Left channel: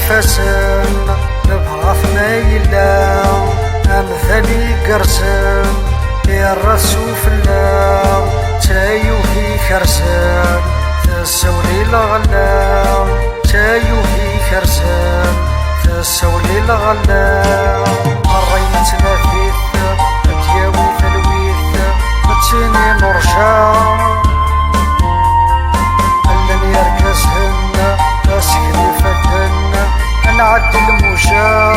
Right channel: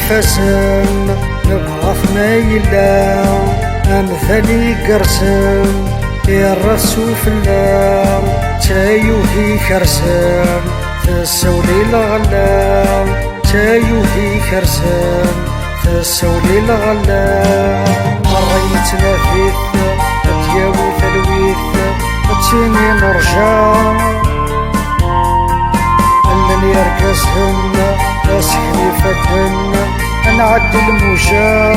يفسن نبغى ما يلا أمثالي قرسن يا الرسول الله تايو في كرسن تسولي الغلا تايو في كرسن تسولي الغلا مرين تنافيث أتياوي ثلويث أتيني نرجع ألن يرقصهن أسكني فدهن أنعد الموجة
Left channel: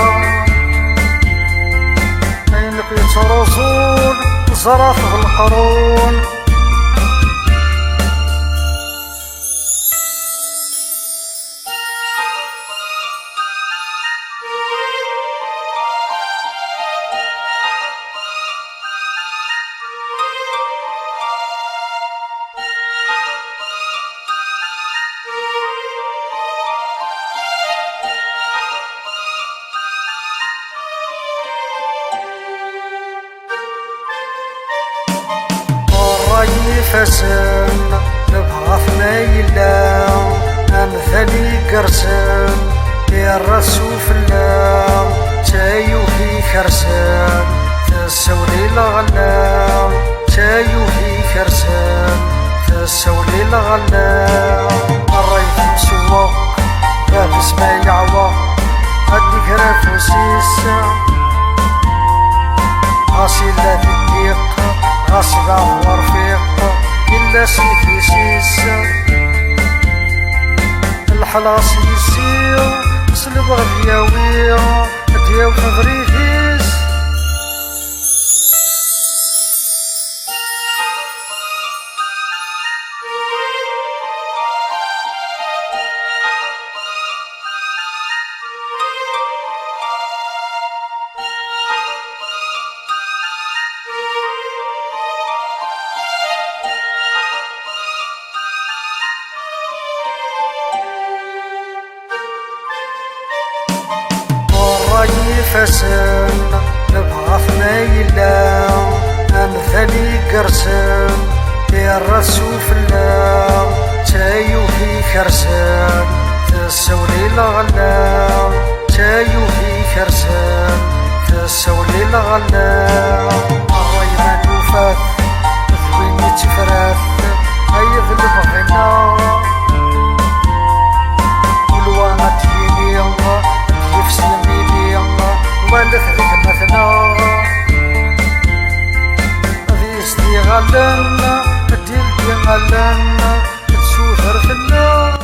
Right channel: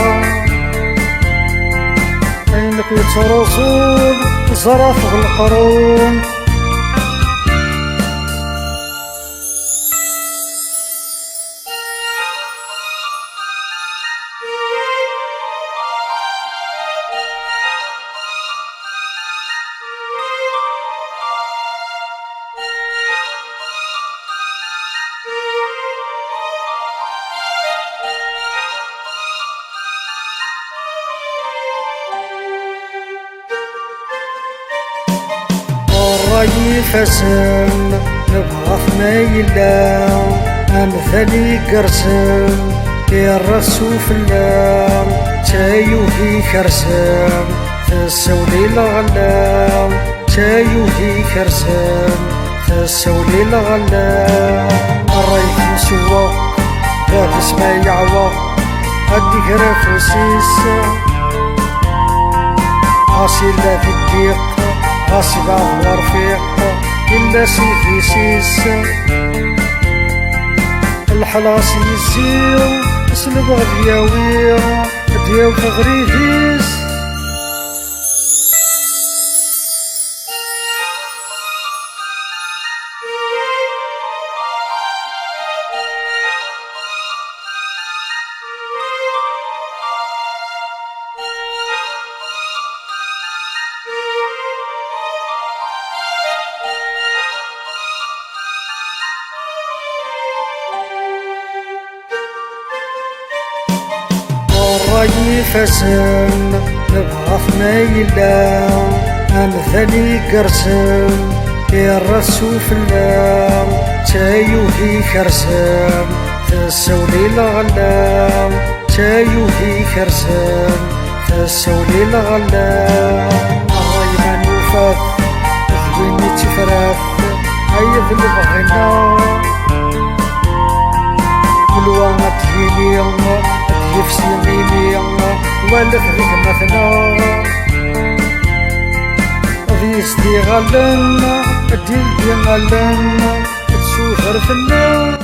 أينك يترزون زرف في القرون يفسن نبغى ما يلا أمثالي قرسن يا الرسول الله تايو في كرسن تسولي الغلا تايو في كرسن تسولي الغلا الريف مسوق بافس ما يعوق أديك رافوسيس عاصلة في الضيق غاصب عفو رفيق إلا سيفي سيس الحلاص يزيو صلب غدياوي دياو في غريفيس يفسن نبغى ما يلا أمثالي قرسن يا الرسول الله تايو في كرسن تسولي الغلا تايو في كرسن تسولي الغلا الريمان وفاث ثويني تفراث أيض البغينا والوانا تفيني يفسي ميمي ولك ذيك مثلا ذي استغلن الدين دي غلن تسوثر في النار